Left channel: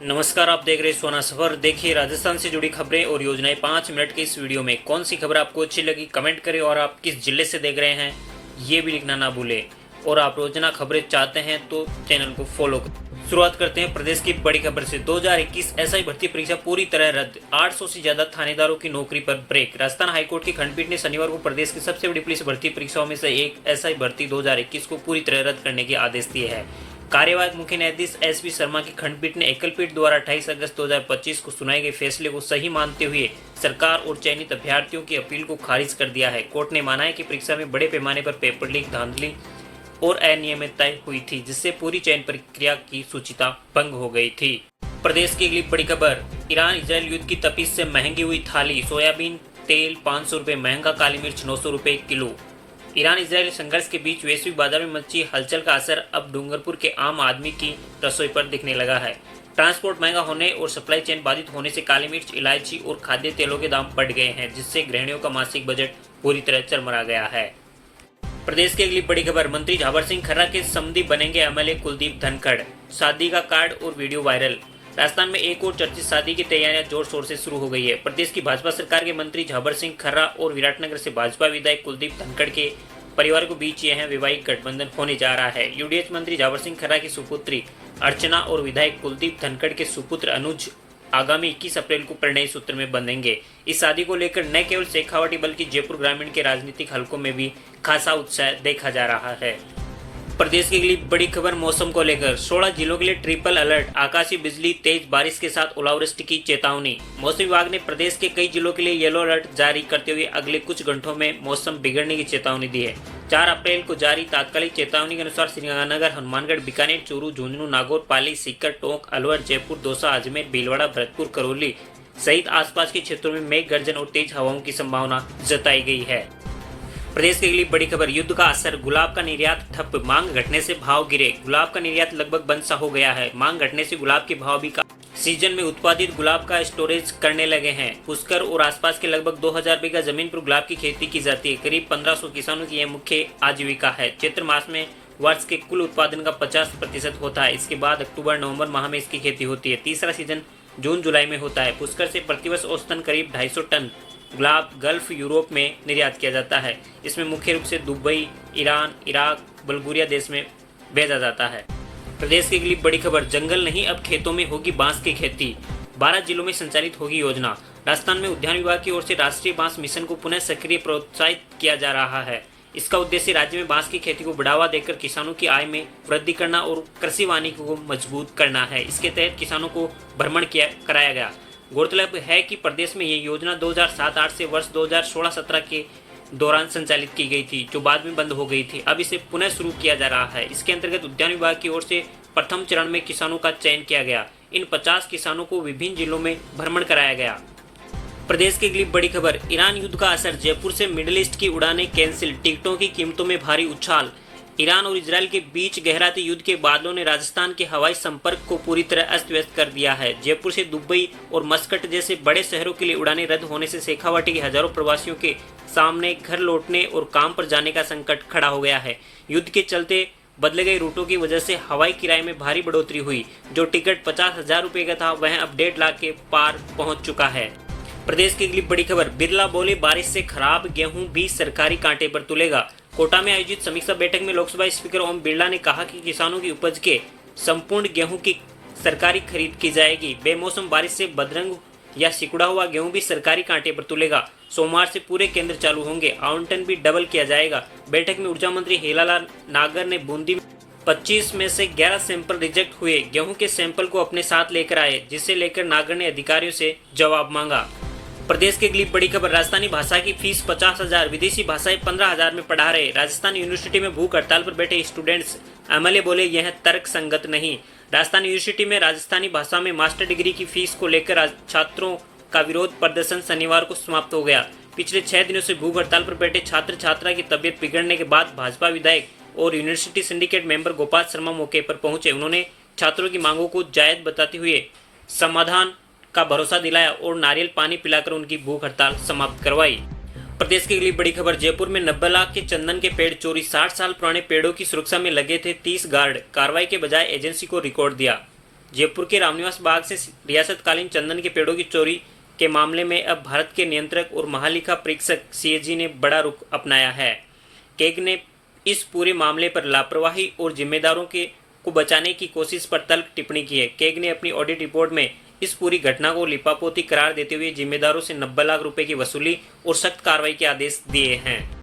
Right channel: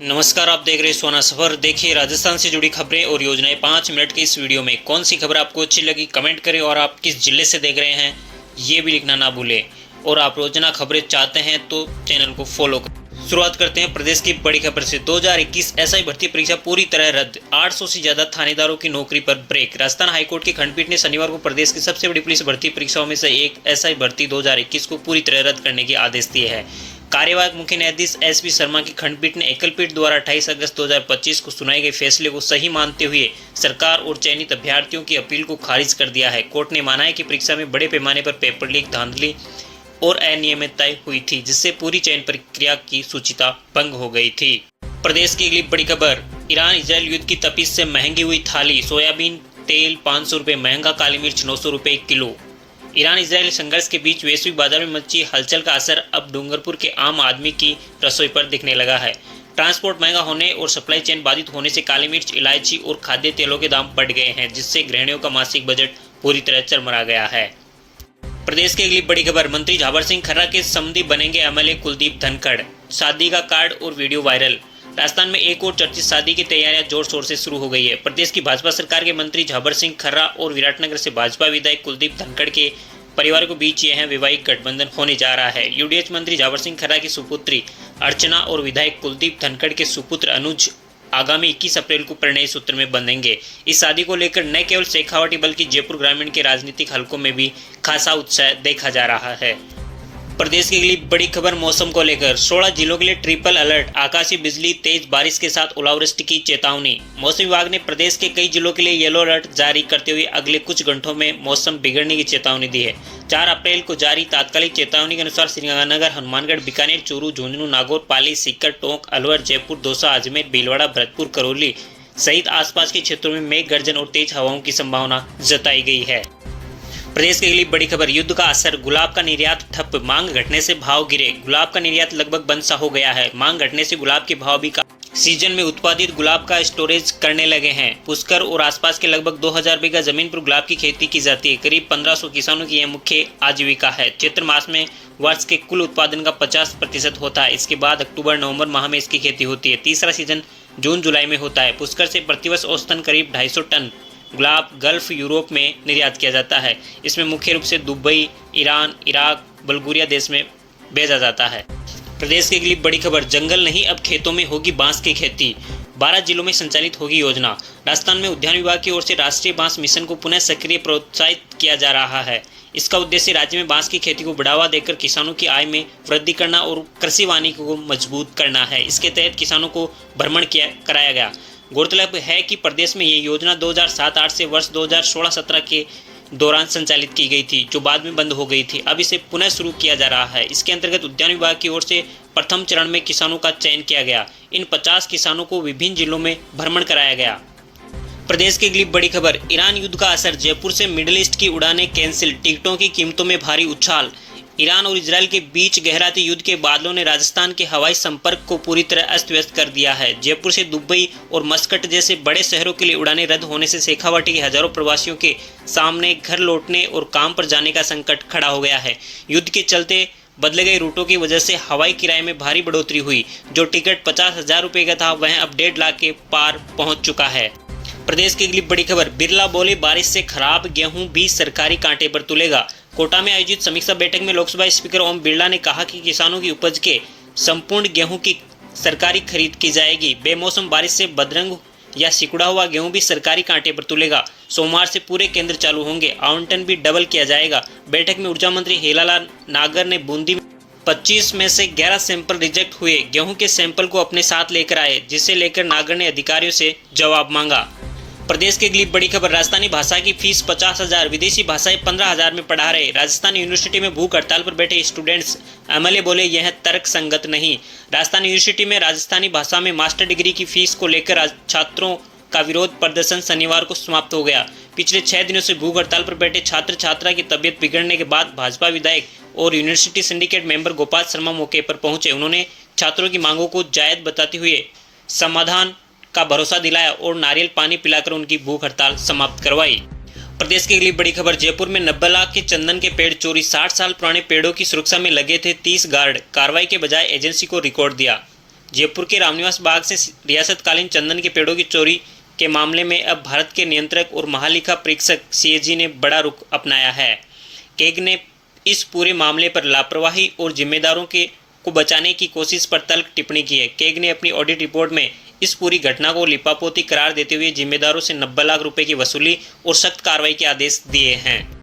नमस्कार, आप देख रहे हैं सोना सफर। देखिए राजस्थान से जुड़ी खबरें और योजनाएं 5 मिनट के इस वीडियो में। कौन सी खबर आपको अच्छी लगी कमेंट करें और आप किस जिले से देख रहे हैं ये भी लिखना ना भूलें। और आप रोजाना खबरें चाहते हैं तो चैनल को फॉलो करें। शुरुआत करते हैं प्रदेश की बड़ी खबर से। 2021 एसआई भर्ती परीक्षा पूरी तरह रद्द। 800 से ज्यादा थानेदारों की नौकरी पर ब्रेक। राजस्थान हाईकोर्ट की खंडपीठ ने शनिवार को प्रदेश की सबसे बड़ी पुलिस भर्ती परीक्षाओं में से एक एसआई भर्ती 2021 को पूरी तरह रद्द करने के आदेश दिए हैं। कार्यवाहक मुख्य न्यायाधीश एसपी शर्मा की खंडपीठ ने एकलपीठ द्वारा 28 अगस्त 2025 को सुनाए गए फैसले को सही मानते हुए सरकार और चयनित अभ्यर्थियों की अपील को खारिज कर दिया है। कोर्ट ने माना है कि परीक्षा में बड़े पैमाने पर पेपर लीक, धांधली और अनियमितताएं हुई थी, जिससे पूरी चयन प्रक्रिया की शुचिता भंग हो गई थी। प्रदेश की अगली बड़ी खबर। ईरान इजरायल युद्ध की तपिश से महंगी हुई थाली। सोयाबीन तेल 500 रुपये महंगा, काली मिर्च 900 रुपये किलो। ईरान इजरायल संघर्ष के बीच वैश्विक बाजार में मची हलचल का असर अब डूंगरपुर के आम आदमी की रसोई पर दिखने लगा है। ट्रांसपोर्ट महंगा होने और सप्लाई चेन बाधित होने से काली मिर्च, इलायची और खाद्य तेलों के दाम बढ़ गए हैं, जिससे गृहिणियों का मासिक बजट पूरी तरह चरमरा गया है। प्रदेश की अगली बड़ी खबर। मंत्री झाबर सिंह खर्रा के समधी बनेंगे एमएलए कुलदीप धनखड़। शादी का कार्ड और वीडियो वायरल। राजस्थान में एक और चर्चित शादी की तैयारियां जोर शोर से शुरू हो गई है। प्रदेश की भाजपा सरकार के मंत्री झाबर सिंह खर्रा और विराटनगर से भाजपा विधायक कुलदीप धनखड़ के परिवार के बीच यह वैवाहिक गठबंधन होने जा रहा है। यूडीएच मंत्री झाबर सिंह खर्रा की सुपुत्री अर्चना और विधायक कुलदीप धनखड़ के सुपुत्र अनुज आगामी 21 अप्रैल को परिणय सूत्र में बंधेंगे। इस शादी को लेकर न केवल शेखावाटी बल्कि जयपुर ग्रामीण के राजनीतिक हलकों में भी खासा उत्साह देखा जा रहा है। प्रदेश की अगली बड़ी खबर मौसम को लेकर। 16 जिलों के लिए ट्रिपल अलर्ट। आकाशीय बिजली, तेज बारिश के साथ ओलावृष्टि की चेतावनी। मौसम विभाग ने प्रदेश के कई जिलों के लिए येलो अलर्ट जारी करते हुए अगले कुछ घंटों में मौसम बिगड़ने की चेतावनी दी है। 4 अप्रैल को जारी तात्कालिक चेतावनी के अनुसार श्रीगंगानगर, हनुमानगढ़, बीकानेर, चूरू, झुंझुनू, नागौर, पाली, सीकर, टोंक, अलवर, जयपुर, दौसा, अजमेर, भीलवाड़ा, भरतपुर, करौली सहित आसपास के क्षेत्रों में मेघ गर्जन और तेज हवाओं की संभावना जताई गई है। प्रदेश की अगली बड़ी खबर। युद्ध का असर। गुलाब का निर्यात ठप। मांग घटने से भाव गिरे। गुलाब का निर्यात लगभग बंद सा हो गया है। मांग घटने से गुलाब के भाव भी सीजन में उत्पादित गुलाब का स्टोरेज करने लगे हैं। पुष्कर और आसपास के लगभग 2000 बीघा जमीन पर गुलाब की खेती की जाती है। करीब 1500 किसानों की यह मुख्य आजीविका है। चैत्र मास में वर्ष के कुल उत्पादन का 50% होता है। इसके बाद अक्टूबर नवंबर माह में इसकी खेती होती है। तीसरा सीजन जून जुलाई में होता है। पुष्कर से प्रतिवर्ष औसतन करीब 250 टन गुलाब गल्फ यूरोप में निर्यात किया जाता है। इसमें मुख्य रूप से दुबई, ईरान, इराक, बल्गेरिया देश में भेजा जाता है। प्रदेश की अगली बड़ी खबर। जंगल नहीं, अब खेतों में होगी बांस की खेती। 12 जिलों में संचालित होगी योजना। राजस्थान में उद्यान विभाग की ओर से राष्ट्रीय बांस मिशन को पुनः सक्रिय प्रोत्साहित किया जा रहा है। इसका उद्देश्य राज्य में बांस की खेती को बढ़ावा देकर किसानों की आय में वृद्धि करना और कृषि वानिकी को मजबूत करना है। इसके तहत किसानों को भ्रमण कराया गया। गौरतलब है कि प्रदेश में ये योजना 2007-08 से वर्ष 2016-17 के दौरान संचालित की गई थी, जो बाद में बंद हो गई थी। अब इसे पुनः शुरू किया जा रहा है। इसके अंतर्गत उद्यान विभाग की ओर से प्रथम चरण में किसानों का चयन किया गया। इन 50 किसानों को विभिन्न जिलों में भ्रमण कराया गया। प्रदेश की अगली बड़ी खबर। ईरान युद्ध का असर। जयपुर से मिडिल ईस्ट की उड़ानें कैंसिल। टिकटों की कीमतों में भारी उछाल। ईरान और इजरायल के बीच गहराते युद्ध के बादलों ने राजस्थान के हवाई संपर्क को पूरी तरह अस्त व्यस्त कर दिया है। जयपुर से दुबई और मस्कट जैसे बड़े शहरों के लिए उड़ानें रद्द होने से शेखावाटी के हजारों प्रवासियों के सामने घर लौटने और काम पर जाने का संकट खड़ा हो गया है। युद्ध के चलते बदले गए रूटों की वजह से हवाई किराए में भारी बढ़ोतरी हुई। जो टिकट 50,000 रुपये का था वह अब 1.5 लाख के पार पहुंच चुका है। प्रदेश की अगली बड़ी खबर। बिरला बोले, बारिश से खराब गेहूं भी सरकारी कांटे पर तुलेगा। कोटा में आयोजित समीक्षा बैठक में लोकसभा स्पीकर ओम बिरला ने कहा कि किसानों की उपज के संपूर्ण गेहूं की सरकारी खरीद की जाएगी। बेमौसम बारिश से बदरंग या सिकुड़ा हुआ गेहूं भी सरकारी कांटे पर तुलेगा। सोमवार से पूरे केंद्र चालू होंगे। आवंटन भी डबल किया जाएगा। बैठक में ऊर्जा मंत्री हीरालाल नागर ने बूंदी 25 में से 11 सैंपल रिजेक्ट हुए गेहूं के सैंपल को अपने साथ लेकर आए, जिसे लेकर नागर ने अधिकारियों से जवाब मांगा। प्रदेश की अगली बड़ी खबर। राजस्थानी भाषा की फीस 50,000, विदेशी भाषाएं 15,000 में पढ़ा रहे। राजस्थान यूनिवर्सिटी में भूख हड़ताल पर बैठे स्टूडेंट्स। एमएलए बोले, यह तर्क संगत नहीं। राजस्थान यूनिवर्सिटी में राजस्थानी भाषा में मास्टर डिग्री की फीस को लेकर छात्रों का विरोध प्रदर्शन शनिवार को समाप्त हो गया। पिछले 6 दिनों से भूख हड़ताल पर बैठे छात्र छात्रा की तबीयत बिगड़ने के बाद भाजपा विधायक और university syndicate member Gopal Sharma मौके पर पहुंचे। उन्होंने छात्रों की मांगों को जायज बताते हुए समाधान का भरोसा दिलाया और नारियल पानी पिलाकर उनकी भूख हड़ताल समाप्त करवाई। प्रदेश की अगली बड़ी खबर। जयपुर में 90 लाख के चंदन के पेड़ चोरी। 60 साल पुराने पेड़ों की सुरक्षा में लगे थे 30 गार्ड। कार्रवाई के बजाय एजेंसी को रिकॉर्ड दिया। जयपुर के रामनिवास बाग से रियासतकालीन चंदन के पेड़ों की चोरी के मामले में अब भारत के नियंत्रक और महालेखा परीक्षक सीएजी ने बड़ा रुख अपनाया है। केग ने इस पूरे मामले पर लापरवाही और जिम्मेदारों को बचाने की कोशिश पर तल्ख टिप्पणी की है। केग ने अपनी ऑडिट रिपोर्ट में इस पूरी घटना को लिपापोती करार देते हुए जिम्मेदारों से 90 लाख रुपए की वसूली और सख्त कार्रवाई के आदेश दिए हैं।